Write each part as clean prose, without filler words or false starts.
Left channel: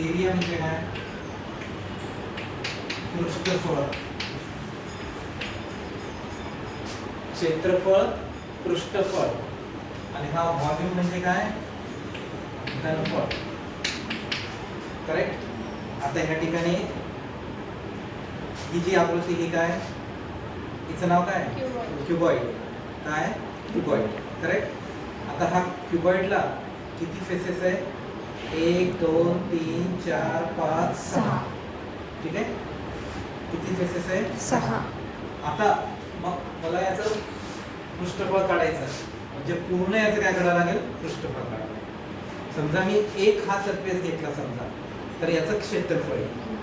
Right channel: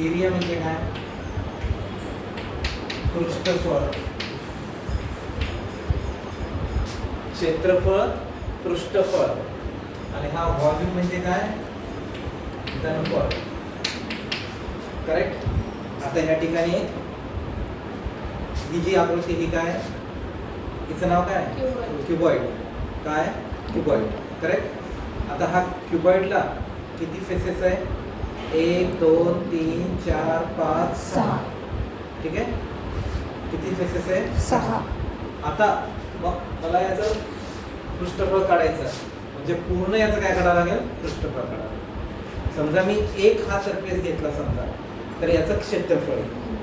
Area म्हणजे काय? पृष्ठफळ, क्षेत्रफळ, पृष्ठफळ. आणि हा व्हॉल्यूम म्हणजे काय? घनफळ. करेक्ट. आता ह्या ठिकाणी ही जी आकृती ही काय? हिचं नाव काय? क्युबॉइड. काय? क्युबॉइड. करेक्ट. आता हा क्युबॉइडला किती फेसेस आहे? 1 2 3 4 5 6. ठीक आहे. किती फेसेस आहे? 6. आता मग मला याचं पृष्ठफळ काढायचं, म्हणजे पूर्ण याचं काय करावं लागेल? पृष्ठफळ काढावं. समजा मी एक हा सरफेस घेतला समजा, तर याचं क्षेत्रफळ आहे.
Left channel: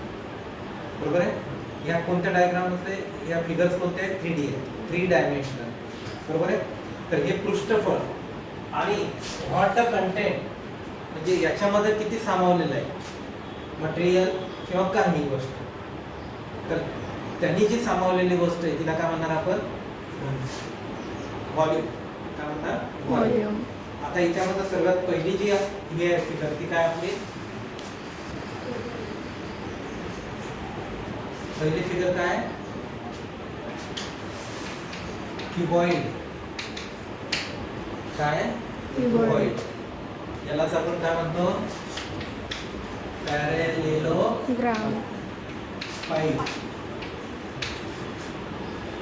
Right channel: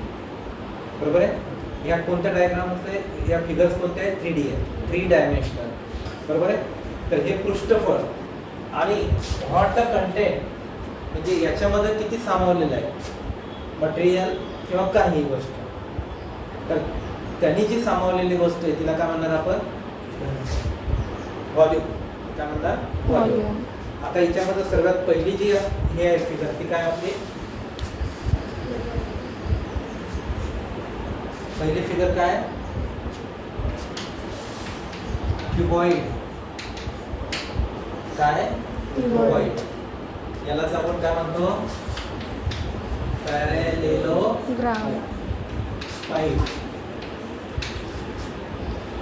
बरोबर आहे. या कोणत्या डायग्राम मध्ये या फिगर्स कोणते आहेत? 3D आहे, 3 डायमेन्शनल. बरोबर आहे. तर हे पृष्ठफळ आणि व्हॉट द कंटेंट, म्हणजे याच्यामध्ये किती सामावलेलं आहे मटेरियल किंवा काही गोष्ट. तर त्यांनी जी सामावलेली गोष्ट आहे तिला काय म्हणणार आपण? व्हॉल्यूम. काय म्हणणार? व्हॉल्यूम. आता याच्यामध्ये सर्वात पहिली जी हे आहे फिगर ती काय आपली? पहिली फिगर काय? क्युबॉइड. काय? क्युबॉइड. यालाच आपण काय म्हणतो? पॅरेलेलोग्राम. पाईप.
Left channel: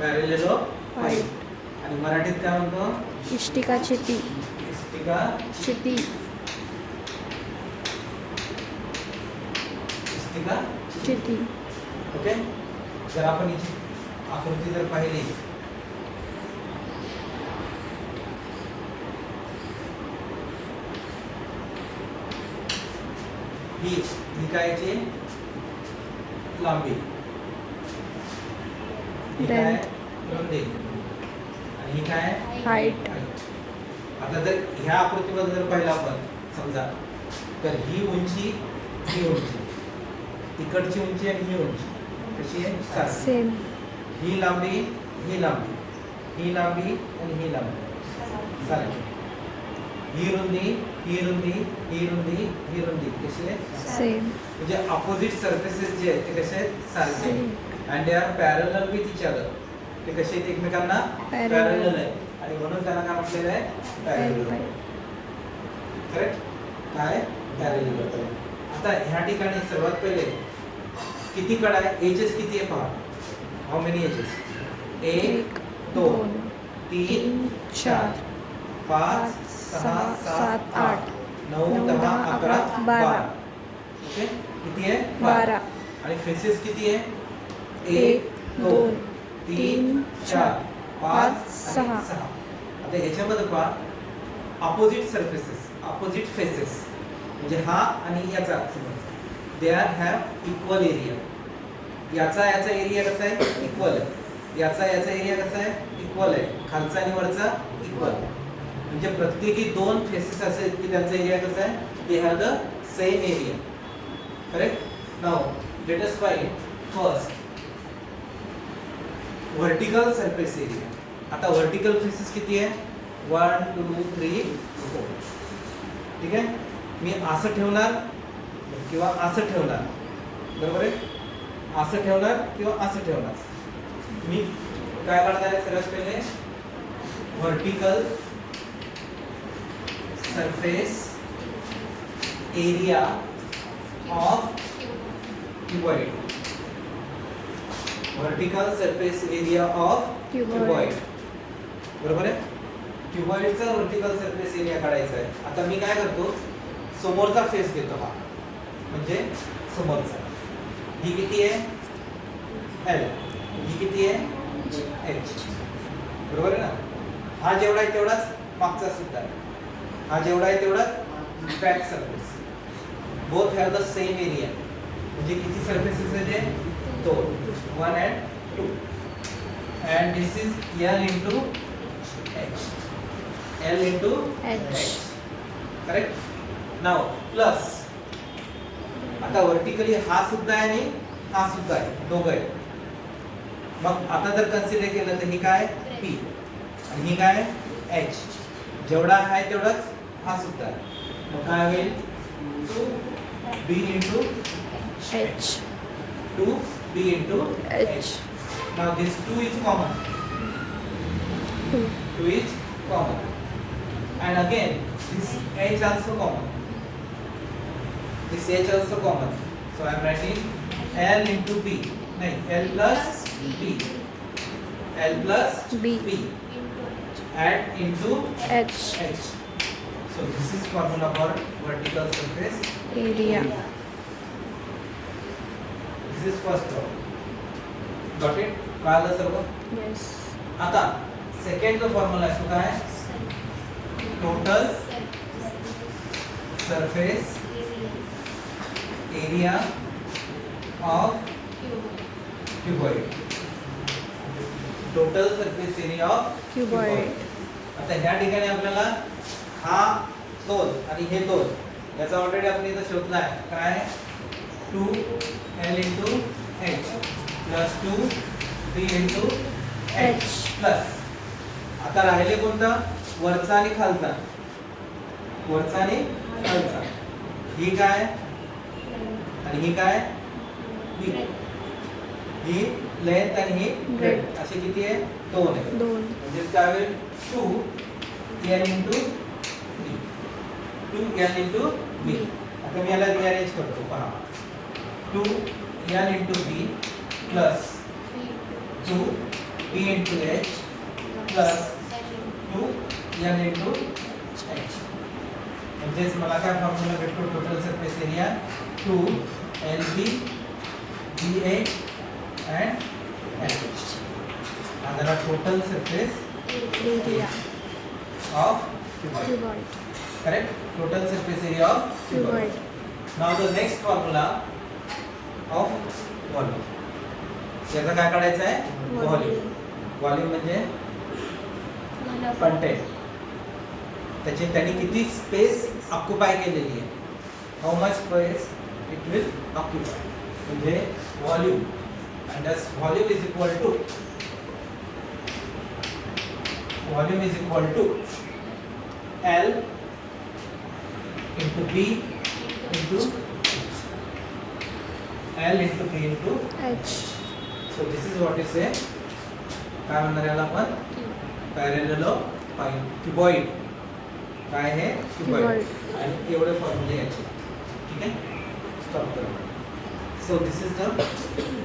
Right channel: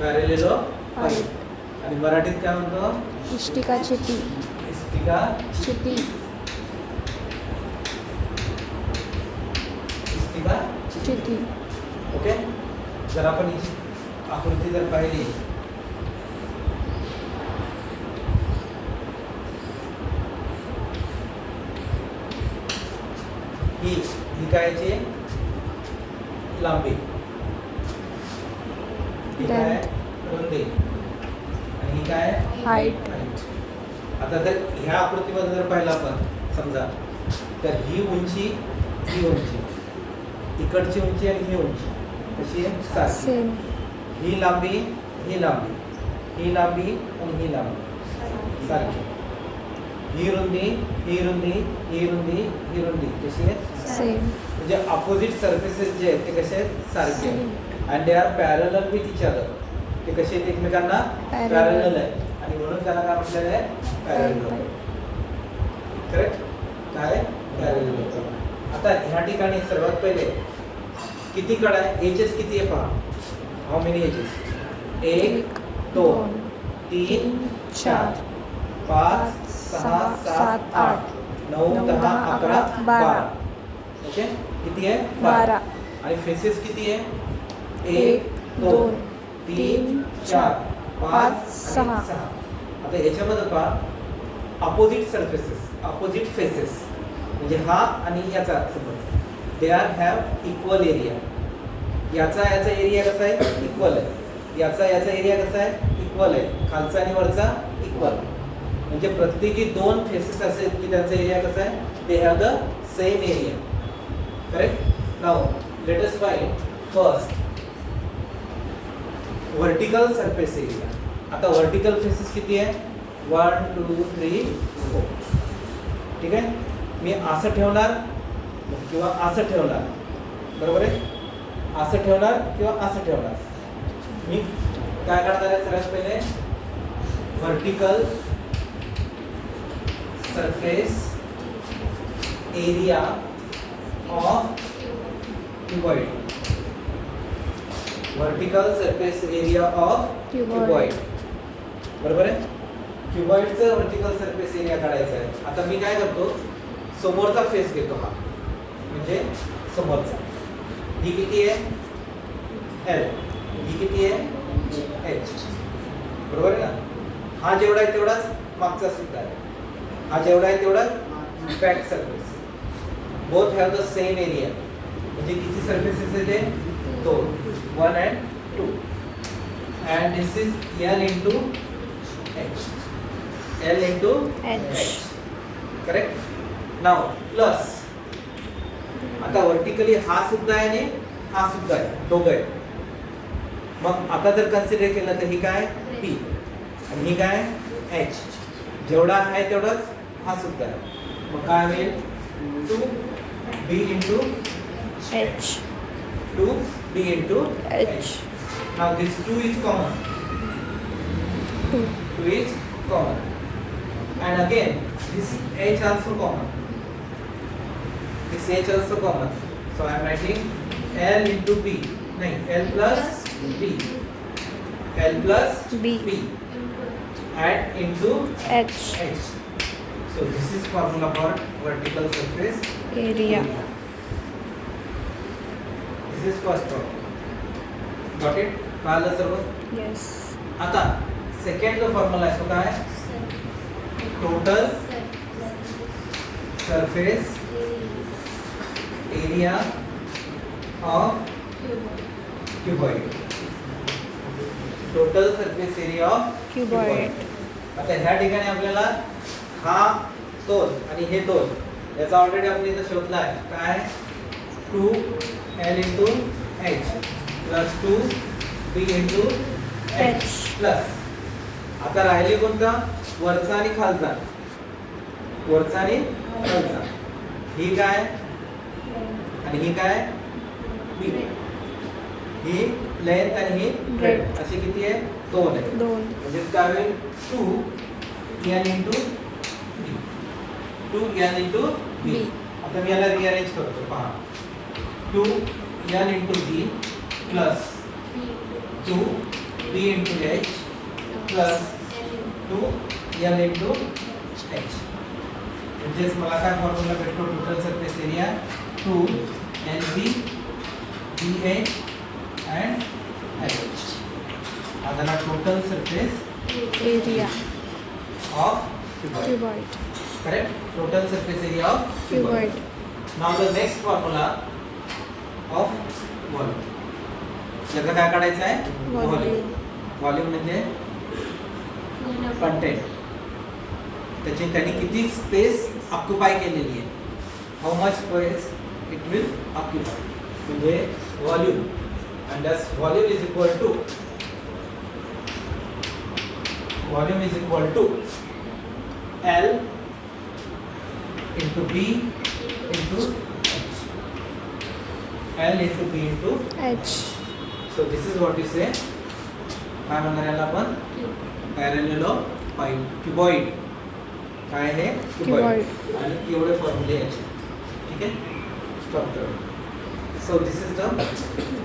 पॅरेलेलोग्राम. आणि मराठीत काय म्हणतो? इष्टिका छिपी. इष्टिका छिपी. इष्टिका छिपी. ओके. जर आपण हिची आकृती जर पाहिली, ही कायची? लांबी. ही काय? रुंदी. आणि ही काय? हाईट. आता जर ह्या आकृतीमध्ये जर पाहिलं आपण समजा, तर ही उंची, ही उंची, इकडची उंची आणि ही उंची कशी आहे? सारखी. ही लांबी, ही लांबी, ही लांबी आणि ही लांबी सारखी. ही रुंदी, ही रुंदी, ही रुंदी, ही रुंदी कशी आहे? सेम. म्हणजे अपोजिट सरफेसेस जे आहेत ते कसे आहेत? सारखे. And they are parallel with each other. ते कसे आहेत? एकमेकांना पॅरलल आहे. आणि म्हणून त्याला काय म्हटलेलं आहे? पॅरलल. करेक्ट. काय? पॅरलल होतं. आता ह्या ठिकाणी सर्वात पहिले किती कडा आहे? एजेस किती आहे पहा. How many edges? 1 2 3 4 5 6 7 8 9 10 11 12. ओके. किती आहे? 12. आणि फेसेस किती आहे? 1 2 3 4 5 6. आता याच्यामध्ये पहा अपोजिट सरफेसेस, अपोजिट फेसेस, म्हणजे हा आणि याचा they are have equal area. याचा एरिया कसा आहे? इक्वल आहे. याचा एरिया कसा आहे? इक्वल आहे. खालचा आणि वरचा इक्वल. म्हणजे प्रत्येकी 2 फेसेस असे की त्यांचा एरिया कसा आहे? They have the same area. Correct. Now let us find first vertical surface area. आता वर्टिकल फेसेस किती आहे? 1 2 3 4. ठीक आहे. मी असं ठेवणार किंवा असं ठेवणार. बरोबर आहे. असं ठेवणार किंवा असं ठेवणार. मी काय करणार आहे? सर्वात पहिले vertical surface area of cuboid. Vertical surface area of cuboid. बरोबर आहे. क्युबॉइडचं वर्टिकल सरफेस एरिया काढायचा आहे. आता मी काय करतो? समोरचा फेस घेतो हा, म्हणजे समोरचा. ही किती आहे? L. ही किती आहे? H. बरोबर आहे ना. हा जेवढा आहे तेवढाच मागचा सुद्धा आहे. हा जेवढा आहे तेवढाच back surface. Both have the same area. म्हणजे किती सरफेसेस आहेत? 2. 1 and 2. And this is L into H. L into H. Correct. Now plus. आता वर्टिकली हा सुद्धा आहे आणि हा सुद्धा आहे, दोघं आहे. मग आता जर कन्सिडर केलं तर ही काय? P. आणि ही काय? H. जेवढा आहे तेवढाच हा सुद्धा आहे. मग काय होईल? 2 B into H. 2B into H. Now this 2 is common. 2. 2 is common. And again, this H also common. This H also common. So I am writing L into B. No, L plus B. L plus B. Add into H. H. So this is formula for vertical surface Area. This is first one. Got it? कळलं सर्व? Yes. आता second जो formula आहे तो काय? Total surface area of cuboid. Total surface area of Cuboid. आता ह्या ठिकाणी आपल्याला हा तोल आणि हे तोल याचा ऑलरेडी आपण इथं शोधला आहे. काय? 2L into H plus 2B into H plus. आता राहिले कोणता? वरचा आणि खालचा. वरचा आणि खालचा. ही काय आणि ही काय? B. ही लेंथ आणि ही ब्रेथ. असे किती आहे? 2 आहे. 2. म्हणजे काय होईल? 2L into B. 2L into B. आता मी याला रिअरेंज करतो. पहा. 2L into B plus 2B into H plus 2L into H. म्हणजेच मला काय फॉर्म्युला भेटतो? Total surface area 2LB BH and H. आता total surface Area. of cuboid. Cuboid. Correct? Total surface area of Cuboid. Now the next formula of volume. याचा काय काढायचं आहे? Volume. Volume म्हणजे कंटेंट. त्यांनी किती स्पेस ऑक्युपाय केलेली आहे? How much space it will occupy. म्हणजे volume. And that's volume is equal to L into B into H. L into B into H. So this is what you say. काय म्हणणार याला आपण? पॅरेललोपाईड cuboid. काय आहे? Cuboid. आणि एवढे फॉर्म्युले याचे. ठीक आहे? स्टॉप करा. So this is the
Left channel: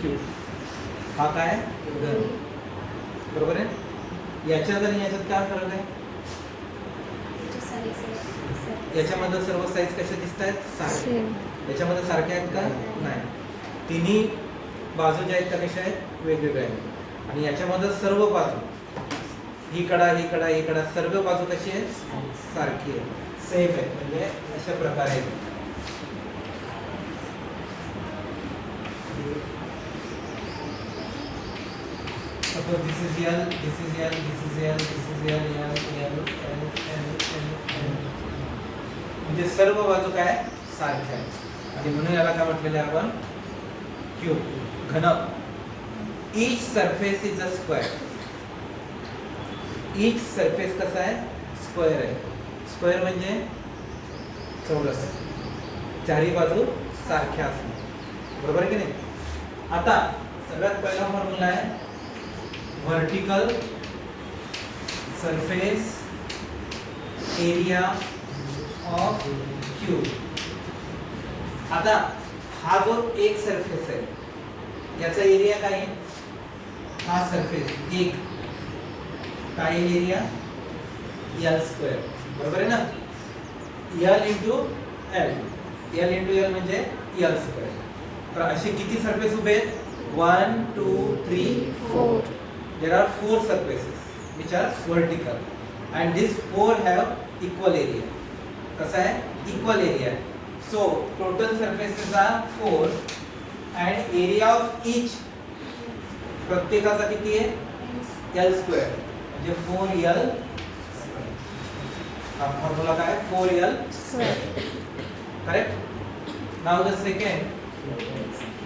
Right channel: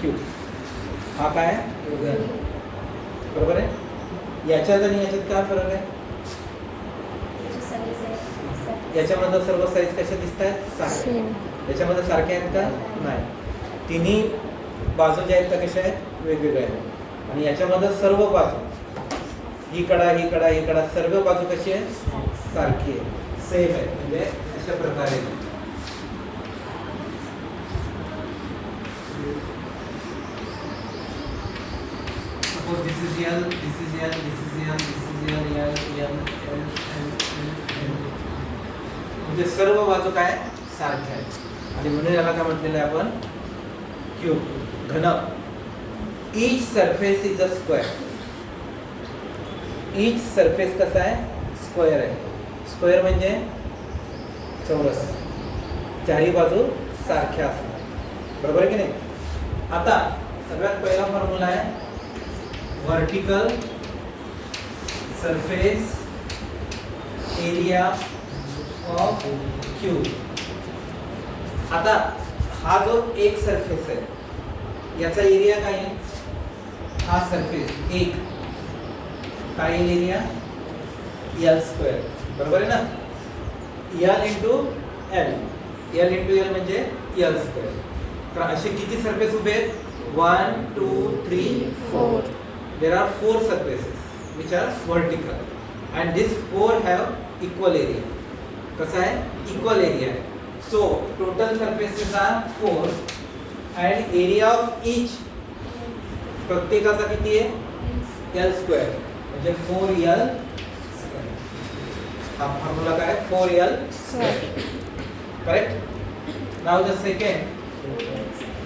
cube. हा काय आहे? बरोबर आहे? याच्यात आणि याच्यात काय फरक आहे? याच्यामध्ये सर्व साईज कशा दिसत आहेत? सारखे. याच्यामध्ये सारखे आहेत का? नाही. तिन्ही बाजू ज्या आहेत त्या कशा आहेत? वेगवेगळ्या आहेत. आणि याच्यामध्ये सर्व बाजू ही कडा ही कडा ही कडा सर्व बाजू कशी आहे? सारखी आहे. सेम आहे. म्हणजे अशा प्रकारे suppose this is L, this is L, this is L, this is L, L, L, L, L, L, L. म्हणजे सर्व बाजू काय सारख्या आहेत. आणि म्हणून याला काय म्हटलेलं आहे आपण? क्यूब. घन. Each surface is a square. Each surface कसा आहे? स्क्वेअर आहे. स्क्वेअर म्हणजे चौरस. चारही बाजू सारख्या असतात. बरोबर आहे की नाही? आता सगळ्यात पहिला फॉर्म्युला आहे vertical surface area of cube. आता हा जो एक सरफेस आहे याचा एरिया काय आहे? हा सरफेस एक काय एरिया? L square. बरोबर आहे ना? L into L. L into L म्हणजे L स्क्वेअर. तर असे किती सरफेस उभे आहेत? 1 2 3 4. There are 4 surfaces which are vertical and these 4 have equal area. कसा आहे? Equal area. So total surfaces are 4 and area of each प्रत्येकाचा किती आहे? L square. म्हणजे 4L स्क्वेअर. हा फॉर्म्युला काय? 4L square. Correct? Now the second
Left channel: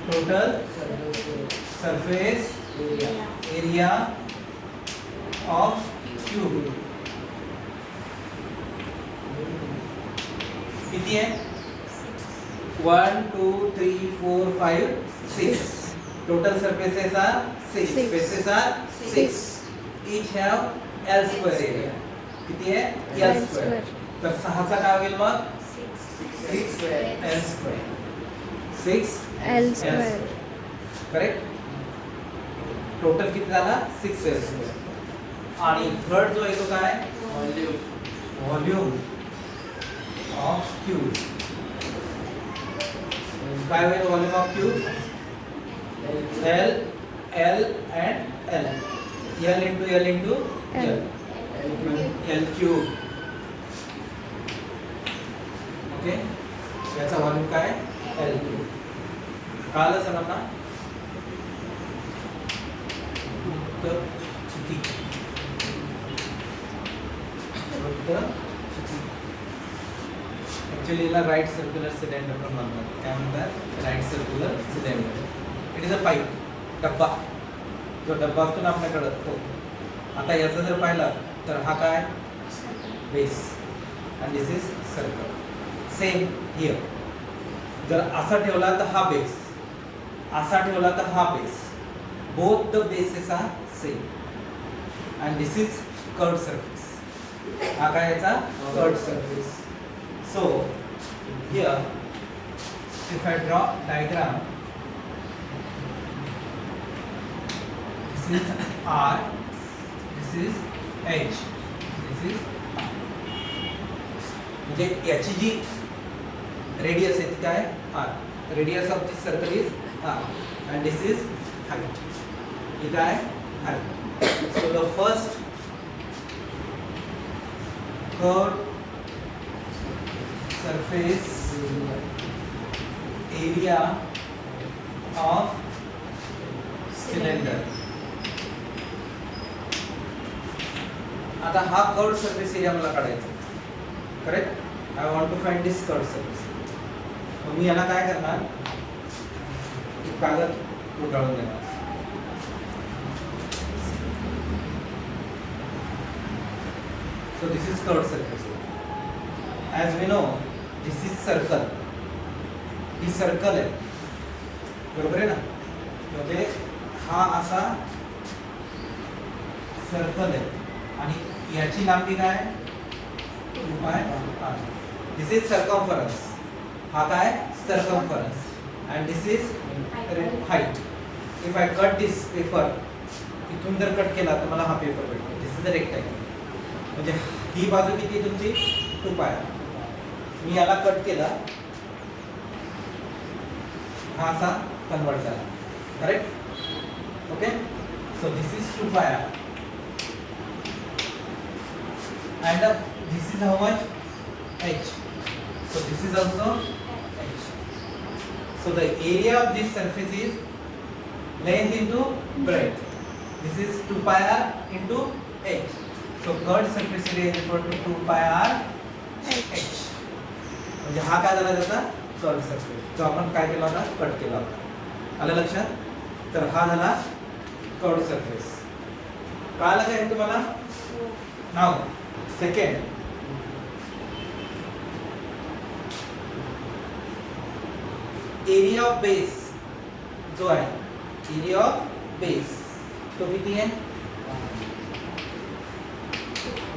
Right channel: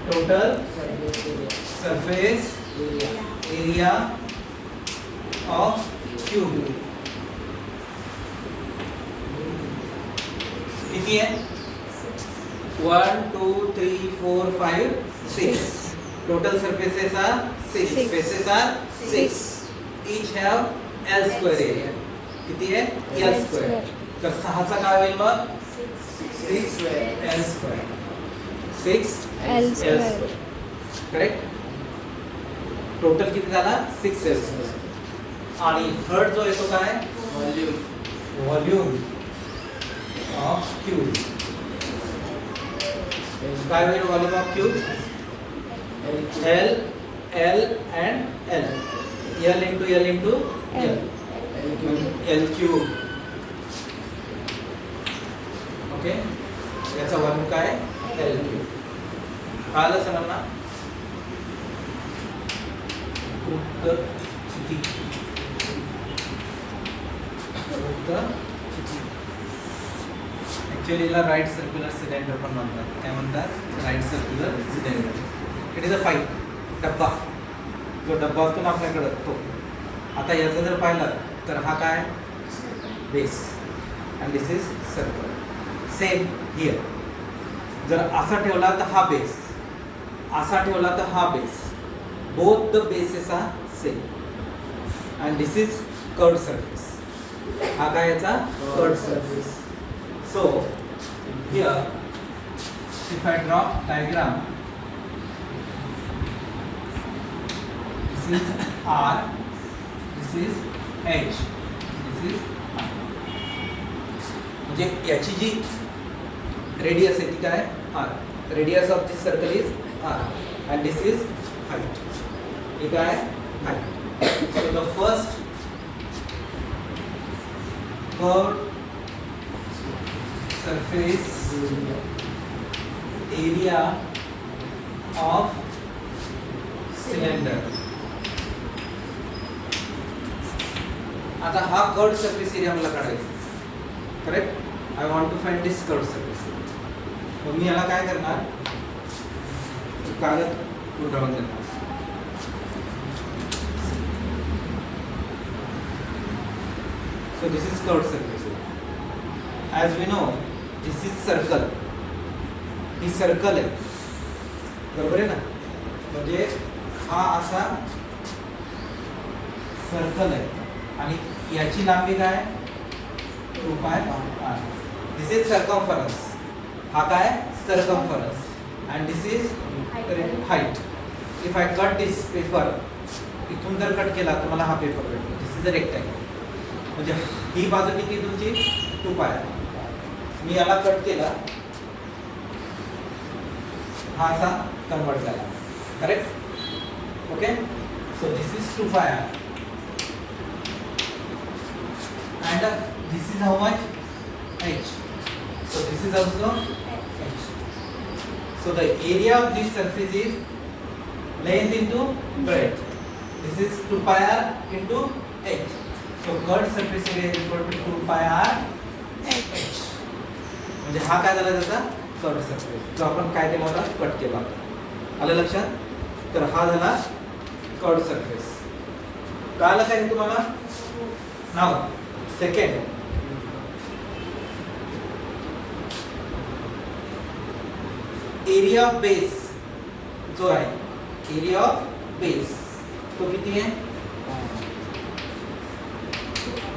total surface area of cube. किती आहे? 1 2 3 4 5 6 total surfaces are 6 Six. faces are 6 each have L square area किती आहे L L square square. तर 6 चा काय होईल मग 6 L square 6 L square. Correct total किती झाला 6 L square आणि थर्ड जो येतो काय व्हॉल्यूम ऑफ क्यूब काय होईल volume of cube L L and L L into L into L L cube okay याचा व्हॉल्यूम काय L cube कळलं सरांना उत्तर स्थिती ऍक्च्युअली याला राईट सर्क्युलर सिलेंडर पण म्हणतात काय म्हणतात right circular cylinder it is a pipe डब्बा जो डब्बा असतो ना आपल्याकडं तो आता याचा जर पाहिलं तर हा काय base and this is circle same here जर असा ठेवला तर हा बेस असा ठेवला तर हा base both the bases are same and this is curved surface हा काय याचा curved surface so here if I draw diagram this is R, this is H, this is R. म्हणजे याची जी रेडियस आहे ती काय R. Radius of this circle is R and this is height. हे काय height. So the first curved surface area of cylinder. आता हा curved surface area मला काढायचा correct I want to find this curved surface मग मी याला काय करणार कागद गुंडाळून देणार so this is curved surface as we know this is circle ही सर्कल आहे बरोबर आहे ना म्हणजे हा असा सर्कल आहे आणि याची लांबी काय 2 पाय r दिस इज सर्कम्फरन्स हा काय circumference and this is height if I cut this paper इथून जर कट केला तर मला हा पेपर भेटतो दिस इज अ रेक्टँगल म्हणजे ही बाजू किती तुमची 2 पाय मी याला कट केला हा असा कन्वर्ट झाला correct okay so this is 2 पाय and this is how much h so this is also h so the area of this surface is length into breadth this is 2 pi r into h so curved surface area is equal to 2 pi r h म्हणजे हा काय झाला त्याचा curved surface जो आपण काय केला होता कट केला होता आलं लक्षात तर हा झाला कर्व्ड सरफेस कळलं काय तुम्हाला नाव सेकंड एरिया ऑफ बेस जो आहे एरिया ऑफ बेस तो किती आहे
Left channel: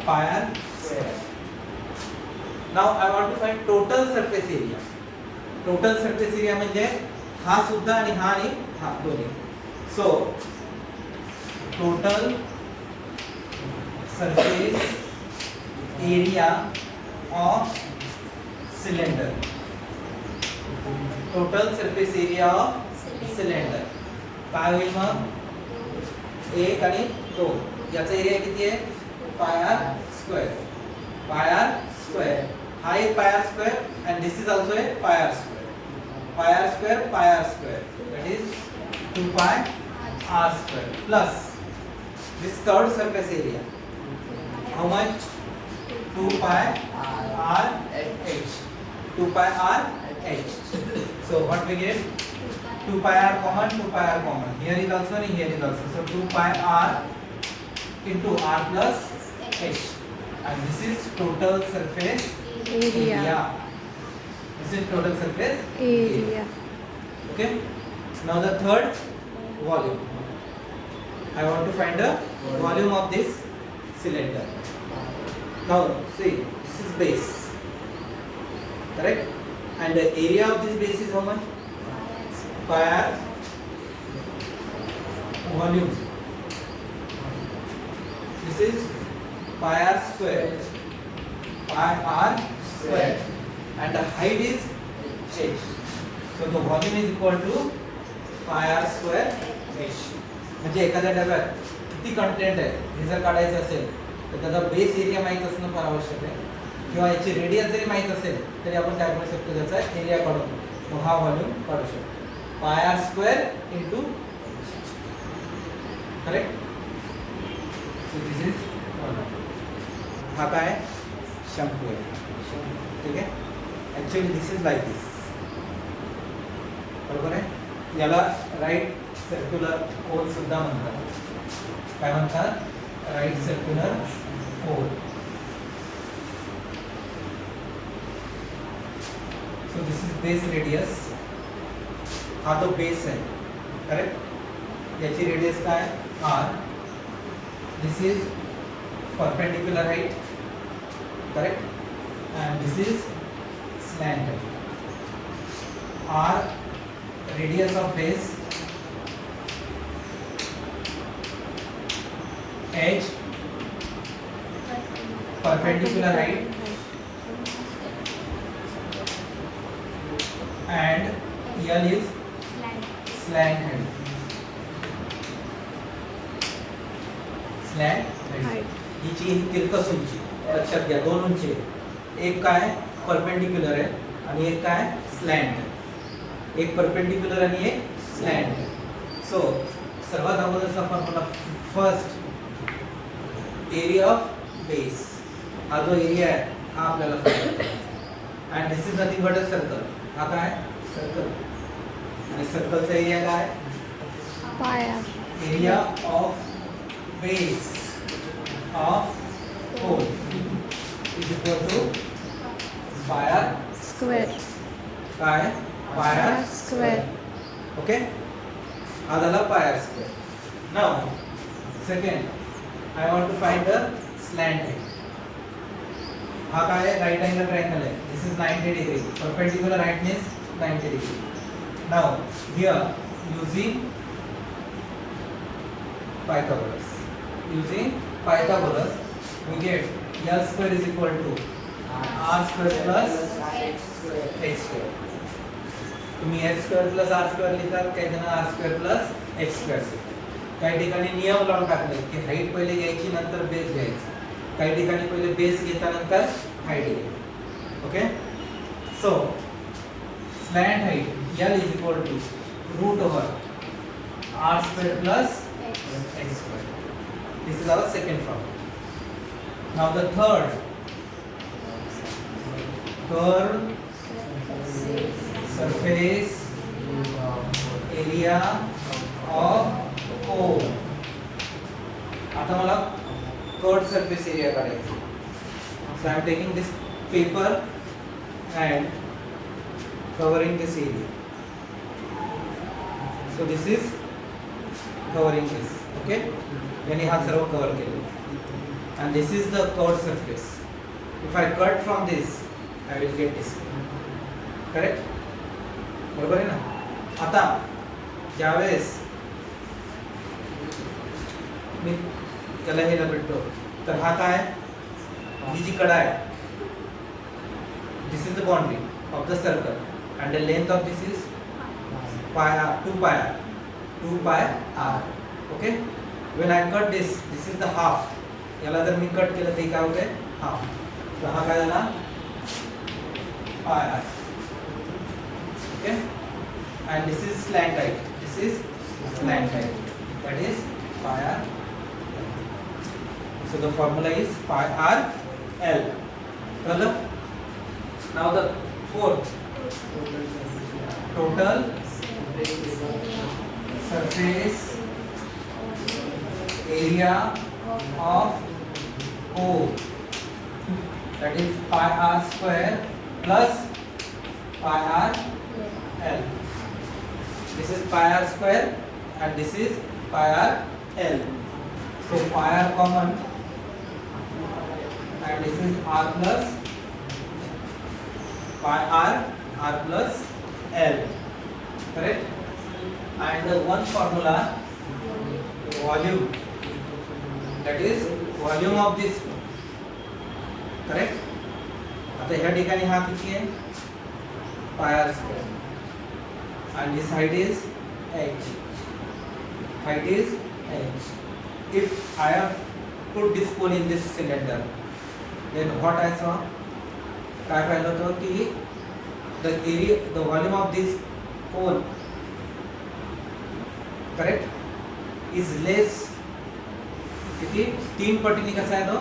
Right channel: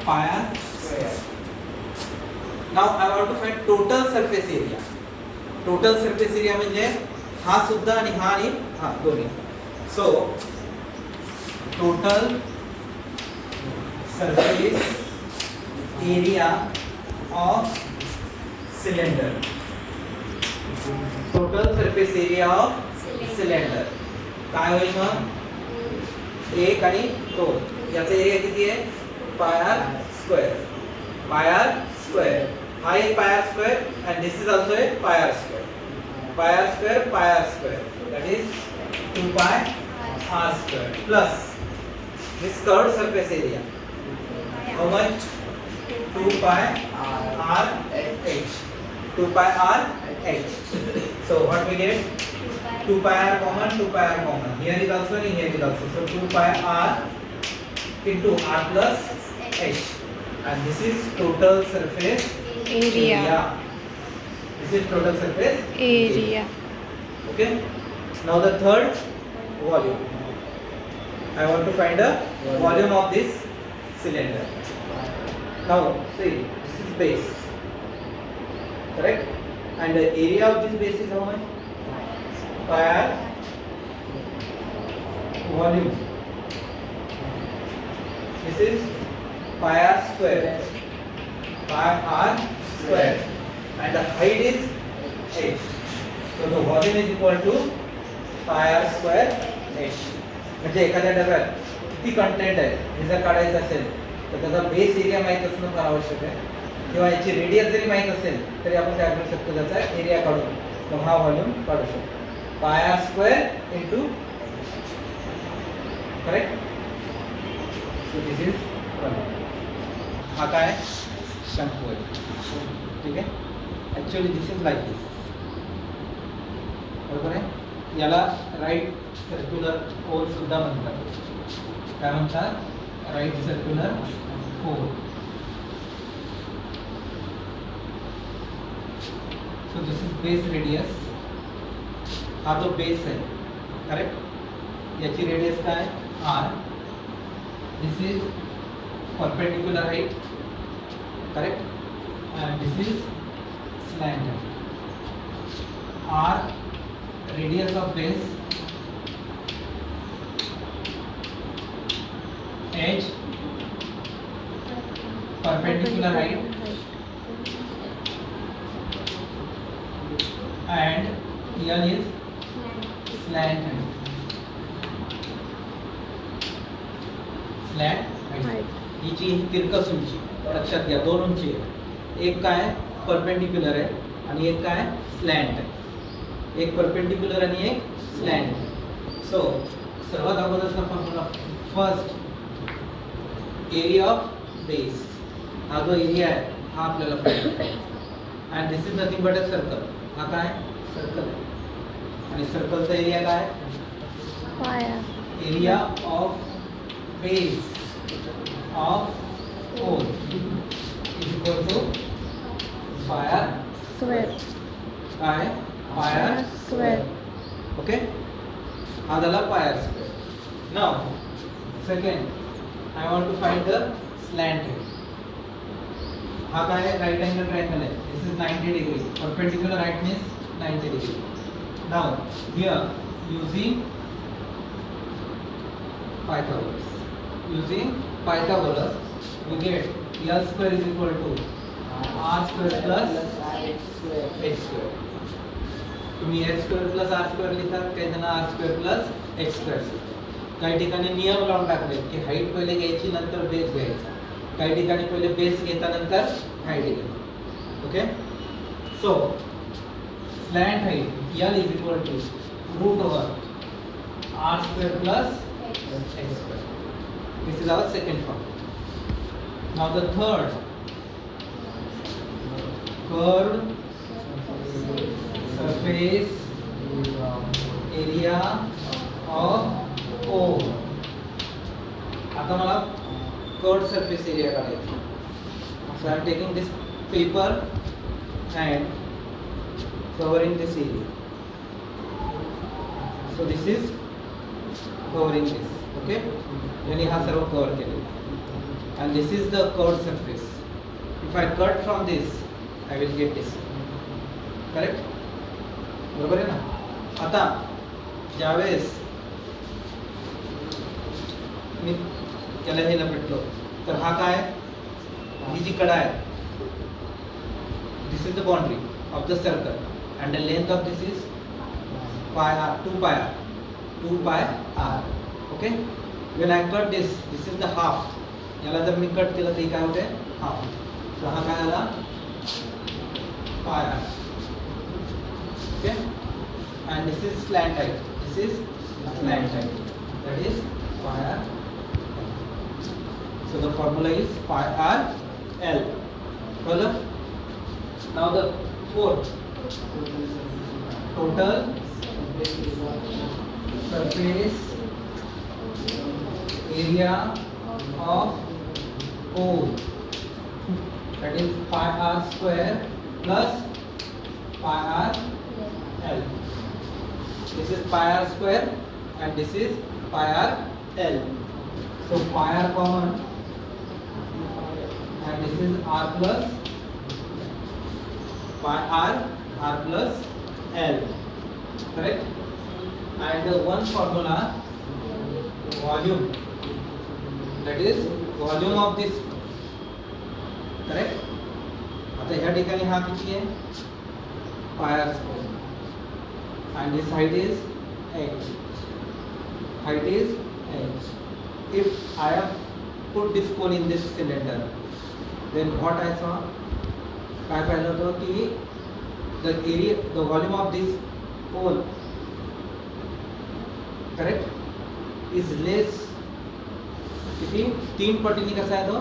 pi square now I want to find total surface area total surface area म्हणजे हा सुद्धा आणि हा दोन्ही so total surface area of cylinder total surface area of cylinder काय होईल मग 1 आणि 2 याचा एरिया किती आहे पाय r स्क्वेअर हा एक पाय r square and this is also a पाय r square that is 2 pi r square plus this curved surface area how much 2 pi r h 2 pi r h so what we get 2 pi r common here is also and here is also so 2 pi r into r plus h and this is total surface area This is total surface area. Okay. Now the third, volume. I want to find the volume of this cylinder. Now see, this is base, correct? And the area of this base is how much? Pi r. Volume. This is pi r square. Pi r square. And the height is h. So the volume is equal to pi r square h. म्हणजे एखाद्या डब्यात किती content आहे हे जर काढायचं असेल तर त्याचा बेस एरिया माहित असणं फार आवश्यक आहे किंवा याची रेडियस जरी माहित असेल तरी आपण काय करू शकतो त्याचा एरिया काढून तो हा व्हॉल्यूम काढू शकतो pi r square into correct so this is हा काय शंकू आहे ठीक आहे actually this is like this बरोबर आहे याला राईट सर्क्युलर होल सुद्धा म्हणतात काय म्हणतात right circular hole so this is base radius हा जो बेस आहे करेक्ट याची रेडियस काय R this is perpendicular height correct and this is slant height R radius of base H perpendicular height and L is slant height. Slant height. हिची ही तिरकस उंची लक्षात घ्या दोन उंची एक काय परपेंडिक्युलर आहे आणि एक काय स्लॅंट आहे एक परपेंडिक्युलर आणि एक स्लॅंट आहे सो सर्वात अगोदरचा formula first area of base हा जो एरिया आहे हा आपल्याला and this is nothing but a circle हा काय सर्कल आणि सर्कलचा एरिया काय area of base of whole is equal to pi r square काय पाय आर स्क्वेअर ओके हा झाला pi r square now second I want to find the slant height. हा काय आहे राइट अँगल ट्रायंगल आहे this is 90 degree perpendicular height is 90 degree now here using Pythagoras we get L square is equal to R square plus H square तुम्ही H square plus R square लिहितात काही जण R square plus H square लिहितात काही ठिकाणी नियम लावून टाकले की हाईट पहिले घ्यायची नंतर बेस घ्यायचा काही ठिकाणी पहिले बेस घेता नंतर हाईट घ्यायची okay so slant height L is equal to root over R square plus H square this is our second form now the third curved surface area of ओ आता मला कर्व्ड सरफेस एरिया काढायचा so I am taking this paper and covering this area so this is covering this okay याने हा सर्व cover केलेला and this is the curved surface if I cut from this I will get this correct बरोबर आहे ना आता ज्यावेळेस मी त्याला हे लपेटतो तर हा काय ही जी कडा आहे this is the boundary of the circle and the length of this is pi R 2 pi R okay when I cut this is the half याला जर मी कट केलं तर काय होते हाफ तर हा काय झाला pi R okay and this is slant height this is slant height that is pi R so the formula is pi r l further now the fourth total surface area of O that is pi r square plus pi r l. This is pi r square and this is pi r l. So pi r common and this is r plus pi r plus l. Correct? And one formula, volume, that is volume of this. Correct? आता ह्या ठिकाणी हा किती आहे pi r square and this height is h. Height is h. If I have put this cone in this cylinder, then what I saw, काय पाहिलं होतं की the area, the volume of this cone, correct, is less. किती 3 पटीने कसा आहे तो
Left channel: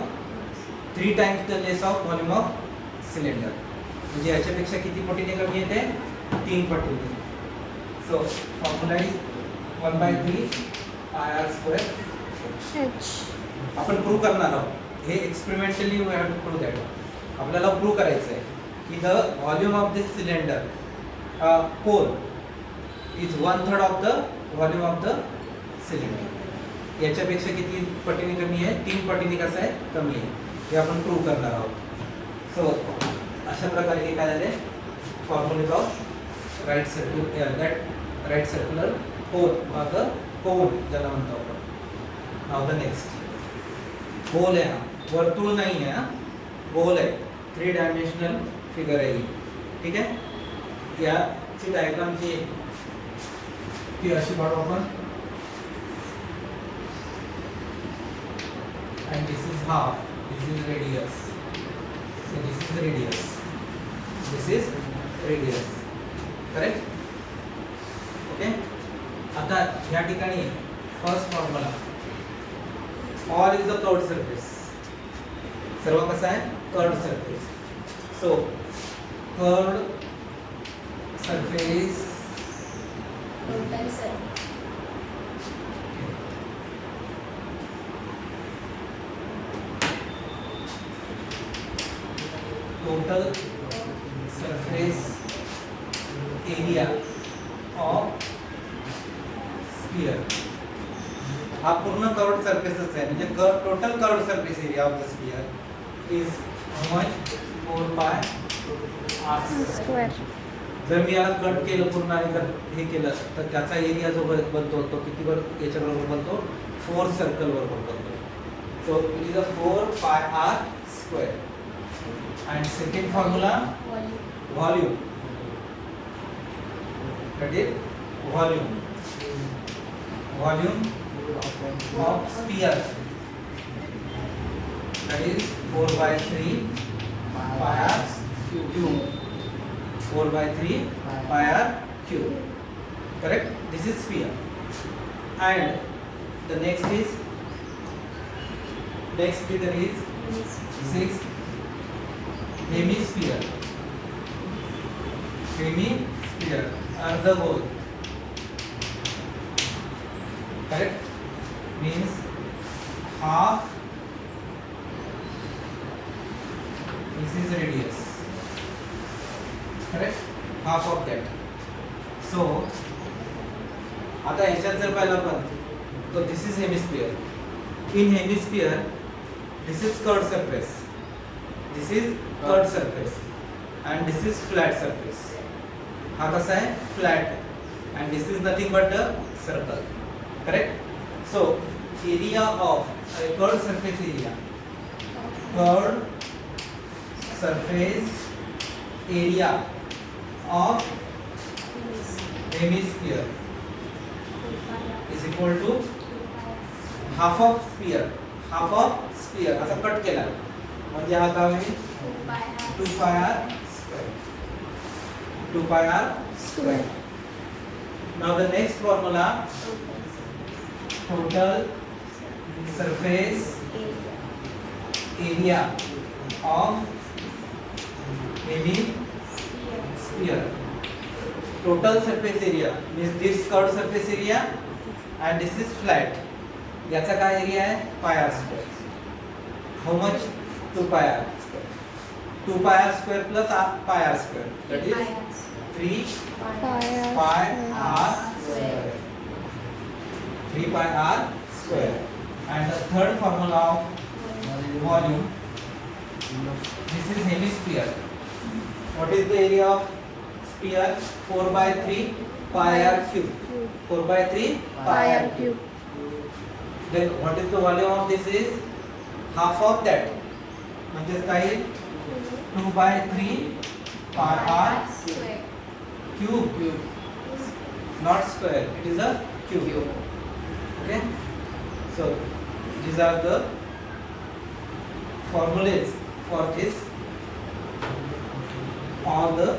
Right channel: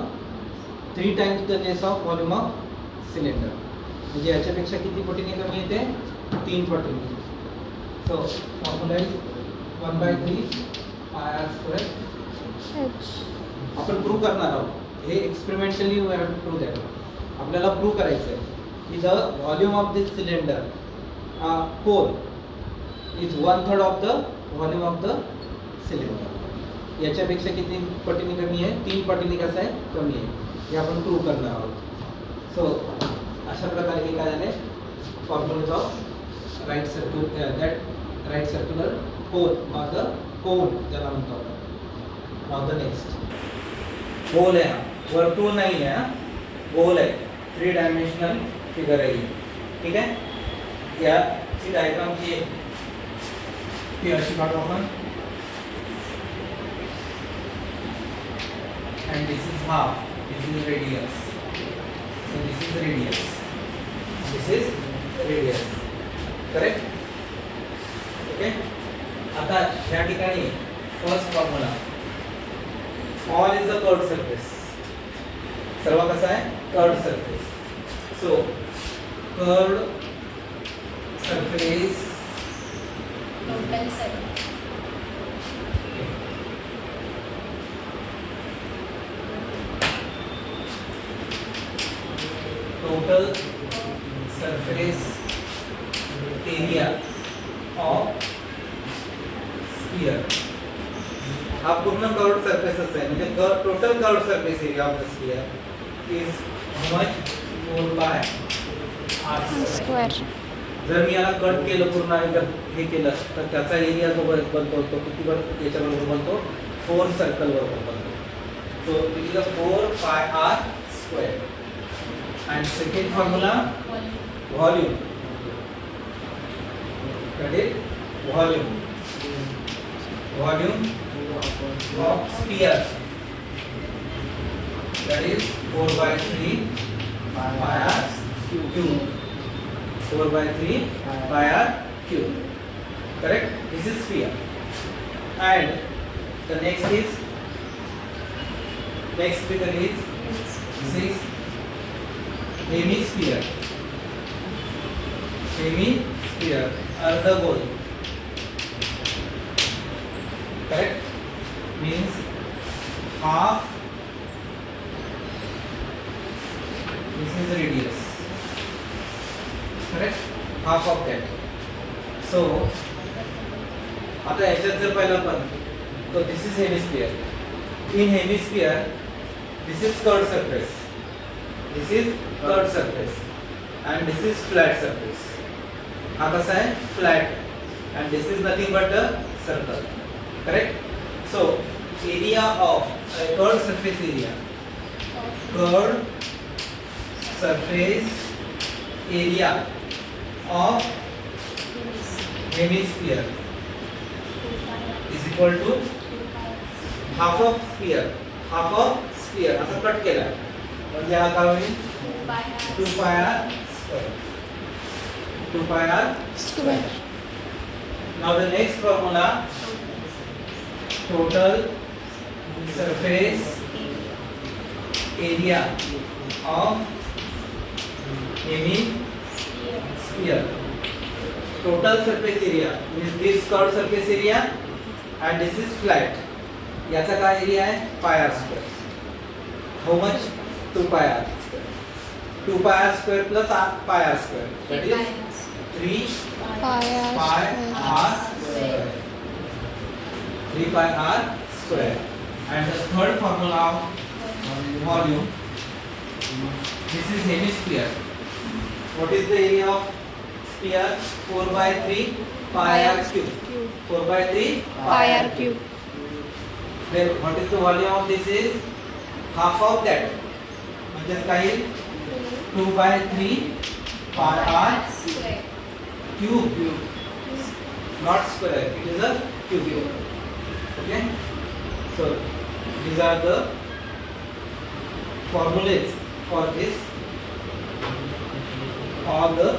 3 times the less of volume of cylinder. म्हणजे याच्यापेक्षा किती पटीने कमी येते 3 पटीने. So formula is 1/3 pi r square. H. आपण प्रूव्ह करणार आहोत हे experimentally we have to prove that. आपल्याला प्रूव्ह करायचं आहे की the volume of this cylinder cone is 1/3 of the volume of the cylinder. याच्यापेक्षा किती पटीने कमी आहे 3 पटीने कसं आहे कमी आहे हे आपण प्रूव्ह करणार आहोत. सो अशा प्रकारे हे काय झाले formulas of right circular whole or the cone ज्याला म्हणतो आपण. नाव द नेक्स्ट गोल आहे हा, वर्तुळ नाही आहे हा, गोल आहे. 3 डायमेन्शनल फिगर आहे ही. ठीक आहे. याची डायग्राम जी आहे ती अशी काढू आपण. And this is half, this is radius. So this is radius. This is radius. Correct? Okay? आता या ठिकाणी first formula, all is the curved surface. सर्व कसं आहे curved surface. So curved surface total सर्व total surface area of sphere. हा पूर्ण curved सरफेसच आहे म्हणजे total curved surface area of the sphere is how much 4 pi r square. Square. जर मी याला कट केलं पूर्ण आणि जर हे केलं तर त्याचा एरिया जो बनतो तो किती याच्या बरोबर बनतो 4 सर्कल बरोबर बनतो. So it is 4 pi r square. And second formula, volume. That is volume. Volume of sphere. That is 4/3 pi r cube. 4/3 pi r cube. Correct? This is sphere. And the next figure is hemisphere. Hemisphere, अर्धगोल. Correct? Means half. This is radius. Correct? Half of that. So आता याच्यात जर पाहिलं आपण तो this is hemisphere. In hemisphere, this is curved surface. This is curved surface and this is flat surface. हा कसा आहे flat and this is nothing but a circle. Correct? So area of a curved surface area. Curved surface area of hemisphere is equal to half of sphere. Half of sphere असा cut केला म्हणजे हा काय होईल 2 pi r square. 2 pi r Square. Now the next formula, total surface area of hemisphere. Total surface area means this curved surface area and this is flat. याचा काय area आहे pi r square. How much? 2 pi r square. 2 pi r square plus pi r square. That is 3 pi r pi square. r square. 3 pi r square. And the third formula of volume. This is hemisphere. What is the area of sphere? 4 by 3 pi r cube. Cube. 4 by 3 Pi r cube. Then what is the volume of this is half of that. म्हणजेच काय 2 by 3 pi r Square. cube. Not square. It is a cube. Okay. So these are the formulas for this all the